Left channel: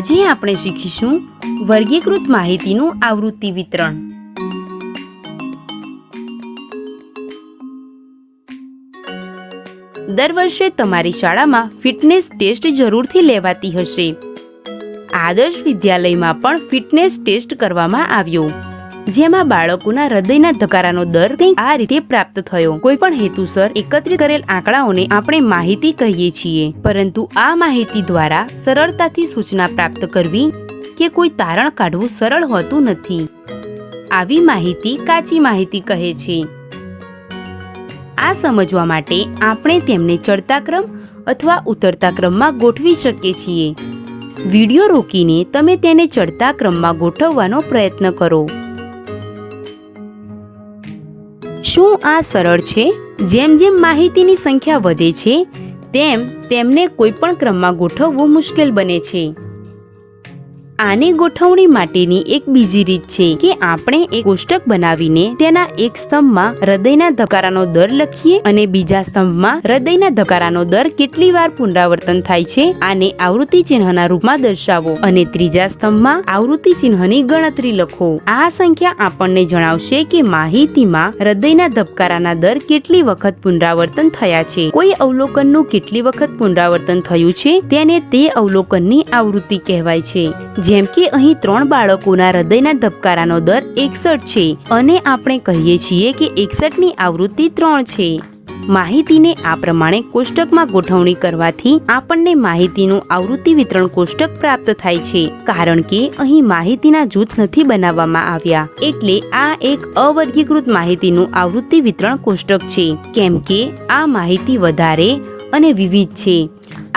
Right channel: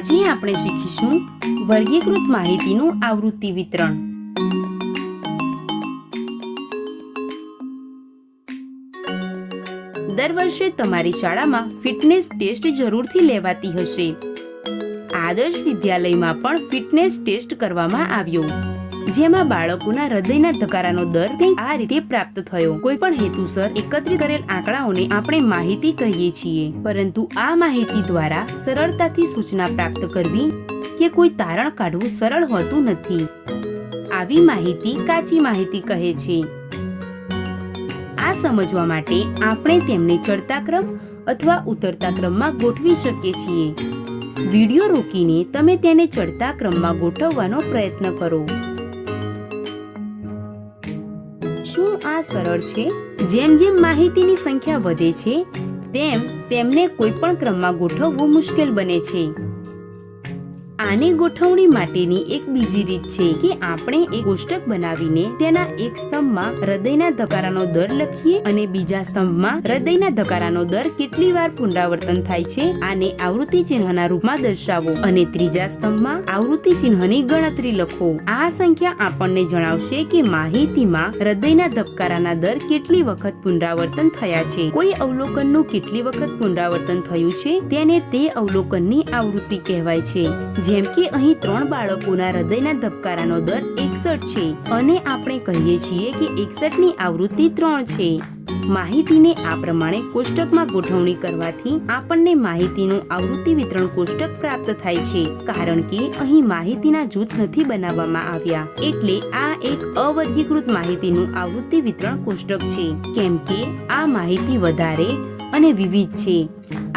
આજે આપણે શીખીશું વર્ગીકૃત માહિતીનું આવૃત્તિ વિતરણ। દર વર્ષે તમારી શાળામાં ફિટનેસ ટેસ્ટ જરૂરથી લેવાતી હશે। આદર્શ વિદ્યાલયમાં પણ ફિટનેસ ટેસ્ટ કરવામાં આવ્યો, જેમાં બાળકોના હૃદયના ધબકારાનો દર કંઈક આ રીતે પ્રાપ્ત થયો। કોઈ પણ હેતુસર એકત્રિત કરેલ આંકડાઓને આપણે માહિતી કહીએ છીએ, પરંતુ આ માહિતી દ્વારા સરળતાથી સૂચના પ્રાપ્ત કરવી કે કોઈ તારણ કાઢવું સરળ હોતું નથી। આવી માહિતી કાચી માહિતી કહે છે। આ સમજવા માટે આપણે તેમને ચડતા ક્રમ અથવા ઉતરતા ક્રમમાં ગોઠવી શકીએ છીએ। વિડિયો રોકીને તમે તેને ચડતા ક્રમમાં ગોઠવવાનો પ્રયત્ન કરો। શું આ સરળ છે? જેમ જેમ માહિતીની સંખ્યા વધે છે, તેમ તેમને કોઈ પણ ક્રમમાં ગોઠવવું મુશ્કેલ બને છે। આની ગોઠવણી માટેની એક બીજી રીત છે કે આપણે એક કોષ્ટક બનાવીને તેના એક સ્તંભમાં હૃદયના ધબકારાનો દર લખીએ અને બીજા સ્તંભમાં હૃદયના ધબકારાનો દર કેટલી વાર પુનરાવર્તન થાય છે આને આવૃત્તિ ચિહ્નના રૂપમાં દર્શાવો અને ત્રીજા સ્તંભમાં આવૃત્તિ ચિહ્નની ગણતરી લખો। આ સંખ્યા આપણને જણાવશે કે માહિતીમાં હૃદયના ધબકારાના દર કેટલી વખત પુનરાવર્તન થયા છે। કોઈ અવલોકનનું કેટલી વખત પુનરાવર્તન થયું છે તેને તે અવલોકનની આવૃત્તિ કહેવાય છે। જેમ કે અહીં 3 બાળકોના હૃદયના ધબકારાનો દર 61 છે અને આપણે કહીએ છીએ કે 61 ની આવૃત્તિ 3 છે। માહિતીને આ પ્રમાણે કોષ્ટકમાં ગોઠવણી કરવાથી આપણને માહિતીનું આવૃત્તિ વિતરણ કોષ્ટક પ્રાપ્ત થાય છે, કારણ કે અહીં માહિતીના જૂથ નથી બનાવવામાં આવ્યા, એટલે આ એક અવર્ગીકૃત માહિતીનું આવૃત્તિ વિતરણ કોષ્ટક છે, કેમ કે આ માહિતી વધારે અને વિવિધ છે।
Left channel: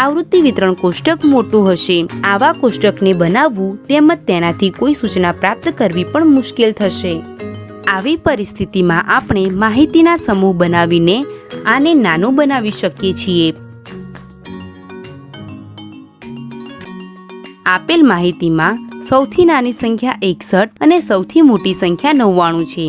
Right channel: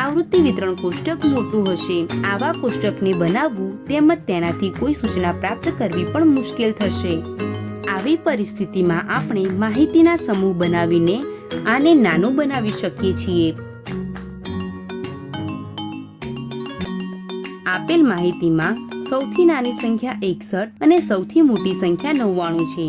આવૃત્તિ વિતરણ કોષ્ટક મોટું હશે। આવા કોષ્ટકને બનાવવું તેમજ તેનાથી કોઈ સૂચના પ્રાપ્ત કરવી પણ મુશ્કેલ થશે। આવી પરિસ્થિતિમાં આપણે માહિતીના સમૂહ બનાવીને આને નાનું બનાવી શકીએ છીએ। આપેલ માહિતીમાં સૌથી નાની સંખ્યા 61 અને સૌથી મોટી સંખ્યા 99 છે।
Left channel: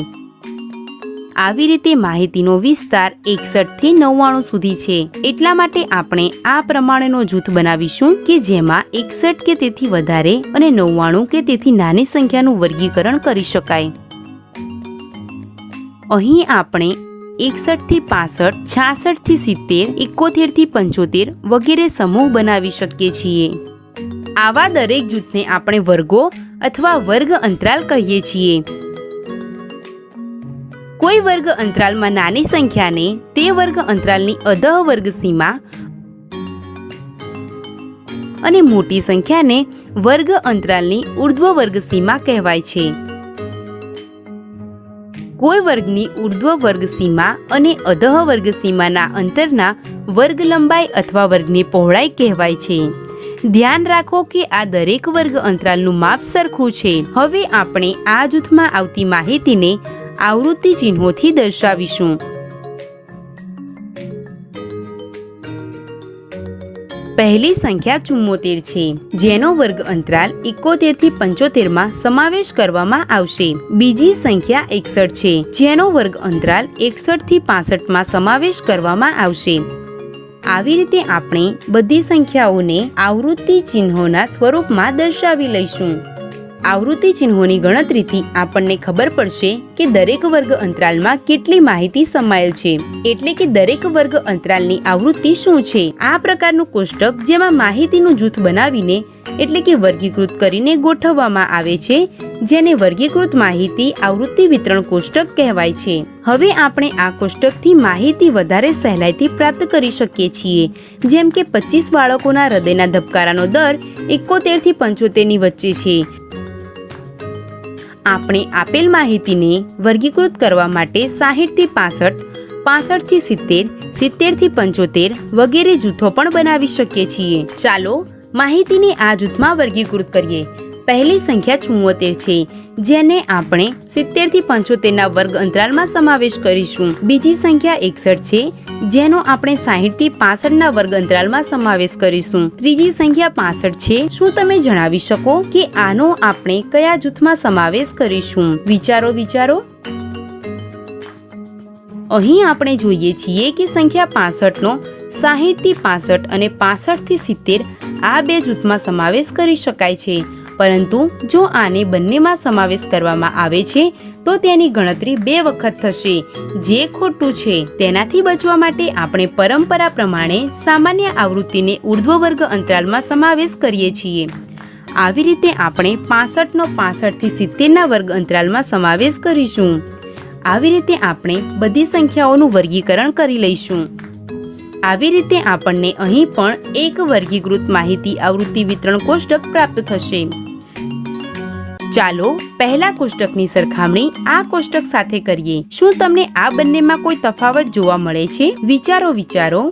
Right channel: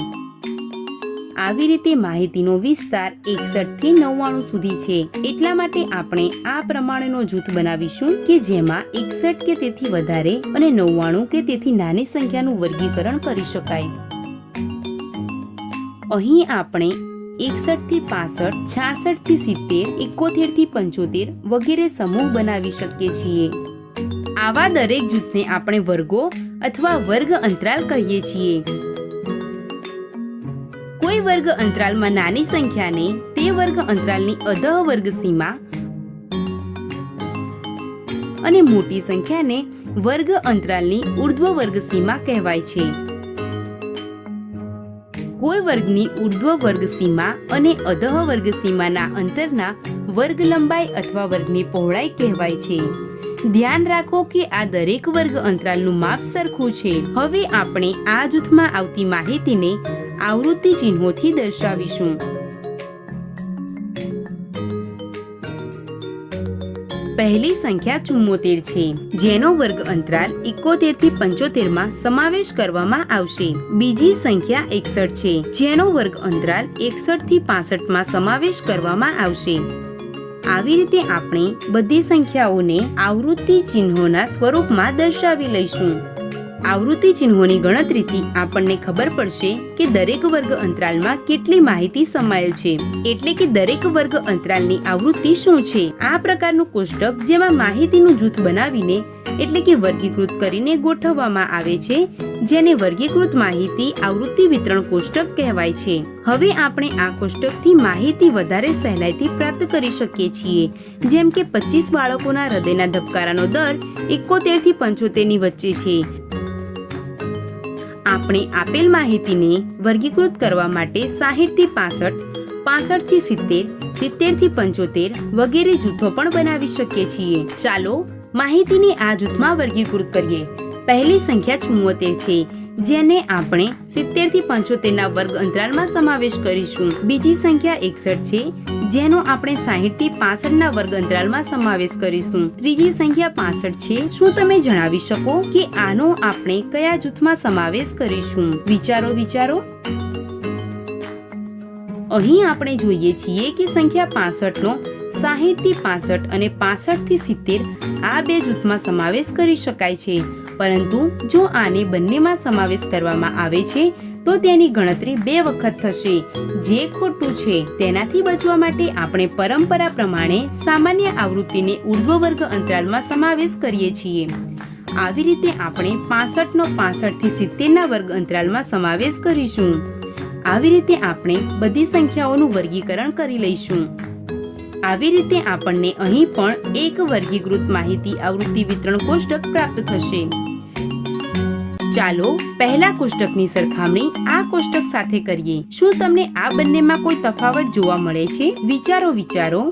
આવી રીતે માહિતીનો વિસ્તાર 61 થી 99 સુધી છે। એટલા માટે આપણે આ પ્રમાણેનો જૂથ બનાવીશું કે જેમાં 61 કે તેથી વધારે અને 99 કે તેથી નાની સંખ્યાનું વર્ગીકરણ કરી શકાય। અહીં આપણે 61 થી 65, 66 થી 70, 71 થી 75 વગેરે સમૂહ બનાવી શકીએ છીએ। આવા દરેક જૂથને આપણે વર્ગો અથવા વર્ગ અંતરાલ કહીએ છીએ। કોઈ વર્ગ અંતરાલમાં નાની સંખ્યાને તે વર્ગ અંતરાલની અધઃ વર્ગ સીમા અને મોટી સંખ્યાને વર્ગ અંતરાલની ઉર્ધ્વ વર્ગ સીમા કહેવાય છે। કોઈ વર્ગની ઉર્ધ્વ વર્ગ સીમા અને અધઃ વર્ગ સીમાના અંતરના વર્ગ લંબાઈ અથવા વર્ગની પહોળાઈ કહેવાય છે। ધ્યાન રાખો કે આ દરેક વર્ગ અંતરાલનું માપ સરખું છે। હવે આપણે આ જૂથમાં આવતી માહિતીને આવૃત્તિ ચિહ્નોથી દર્શાવીશું। પહેલી સંખ્યા 74 છે, જેનો વર્ગ અંતરાલ 71 થી 75 માં સમાવેશ કરવામાં આવશે। બીજી સંખ્યા 61 છે, જેનો વર્ગ અંતરાલ 61 થી 65 માં સમાવેશ કરવામાં આવશે। આવી રીતે આપણે બધી સંખ્યાઓને આવૃત્તિ ચિહ્નોના સ્વરૂપમાં દર્શાવી લઈશું। આવૃત્તિ ચિહ્નોની ગણતરીથી આપણને ખબર પડશે કે દરેક વર્ગ અંતરાલમાં કેટલી માહિતી સમાયેલ છે, એટલે કે દરેક વર્ગ અંતરાલની આવૃત્તિ શું છે। આ પ્રકારનું કોષ્ટક જેમાં માહિતીનું જૂથ બનાવીને એટલે કે વર્ગીકૃત કરીને ગોઠવવામાં આવે છે, જેને વર્ગીકૃત માહિતી આવૃત્તિ વિતરણ કોષ્ટક કહેવાય છે। હવે આપણે આ કોષ્ટકથી માહિતી વધારે સહેલાઈથી પ્રાપ્ત કરી શકીએ છીએ, જેમ કે 25 બાળકોના હૃદયના ધબકારાનો દર 71 થી 75 ની વચ્ચે છે। આપણે આપેલ માહિતીને વર્ગીકૃત કરવા માટે 60 થી 65, 65 થી 70, 70 થી 75 વગેરે જૂથો પણ બનાવી શકીએ છીએ। ચાલો માહિતીને આ જૂથમાં વર્ગીકૃત કરીએ। પહેલી સંખ્યા 74 છે, જેને આપણે 70 થી 75 ના વર્ગ અંતરાલમાં સમાવેશ કરીશું। બીજી સંખ્યા 61 છે, જેનો આપણે 60 થી 65 ના વર્ગ અંતરાલમાં સમાવેશ કરીશું। ત્રીજી સંખ્યા 65 છે। શું તમે જણાવી શકો કે આનો આપણે કયા જૂથમાં સમાવેશ કરીશું? વિચારો વિચારો। અહીં આપણે જોઈએ છીએ કે સંખ્યા 65નો 60 થી 65 અને 65 થી 70 આ બે જૂથમાં સમાવેશ કરી શકાય છે, પરંતુ જો આને બંનેમાં સમાવેશ કરવામાં આવે છે તો તેની ગણતરી 2 વખત થશે, જે ખોટું છે. તેનાથી બચવા માટે આપણે પરંપરા પ્રમાણે સામાન્ય આવૃત્તિને ઉર્ધ્વ વર્ગ અંતરાલમાં સમાવેશ કરીએ છીએ. આવી રીતે આપણે 65નો 65 થી 70ના વર્ગ અંતરાલમાં સમાવેશ કરીશું. આવી રીતે આપણે બધી સંખ્યાઓનું વર્ગીકરણ કરી લઈશું. આવી રીતે આપણને અહીં પણ એક વર્ગીકૃત માહિતી આવૃત્તિ વિતરણ કોષ્ટક પ્રાપ્ત થશે. ચાલો પહેલા કોષ્ટકની સરખામણી આ કોષ્ટક સાથે કરીએ. શું તમને આ બંનેમાં કોઈ તફાવત જોવા મળે છે? વિચારો.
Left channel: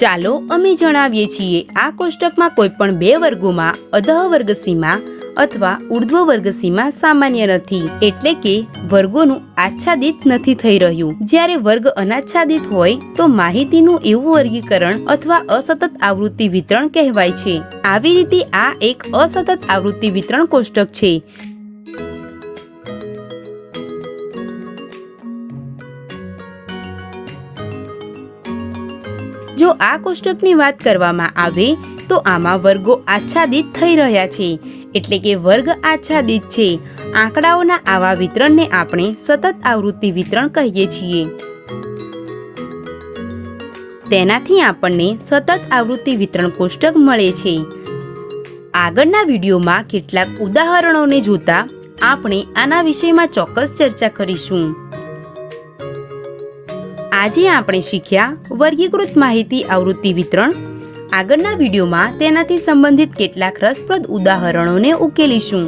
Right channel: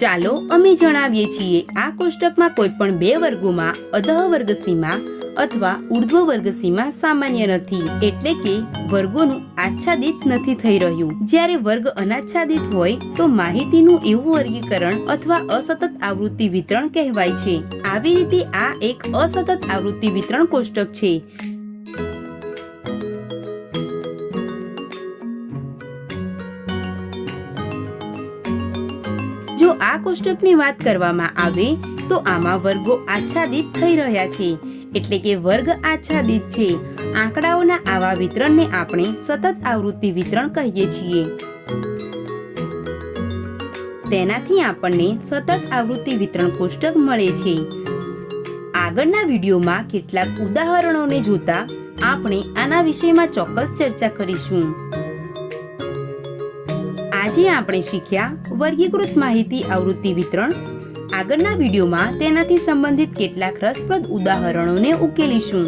ચાલો અમે જણાવીએ છીએ. આ કોષ્ટકમાં કોઈ પણ બે વર્ગોમાં અધઃ વર્ગ સીમા અથવા ઉર્ધ્વ વર્ગ સીમા સામાન્ય નથી, એટલે કે વર્ગોનું આચ્છાદિત નથી થઈ રહ્યું. જ્યારે વર્ગ અનાચ્છાદિત હોય તો માહિતીનું એવું વર્ગીકરણ અથવા અસતત આવૃત્તિ વિતરણ કહેવાય છે. આવી રીતે આ એક અસતત આવૃત્તિ વિતરણ કોષ્ટક છે. જો આ કોષ્ટકની વાત કરવામાં આવે તો આમાં વર્ગો આચ્છાદિત થઈ રહ્યા છે, એટલે કે વર્ગ આચ્છાદિત છે. આંકડાઓના આવા વિતરણને આપણે સતત આવૃત્તિ વિતરણ કહીએ છીએ. તેનાથી આપણને સતત આવૃત્તિ વિતરણ કોષ્ટક મળે છે. આગળના વિડીયોમાં કેટલાક ઉદાહરણોને જોતા આપણે આના વિષયમાં ચોક્કસ ચર્ચા કરીશું. આજે આપણે શીખ્યા વર્ગીકૃત માહિતી આવૃત્તિ વિતરણ. આગળના વિડીયોમાં તેનાથી સંબંધિત કેટલાક રસપ્રદ ઉદાહરણોને ઉકેલીશું.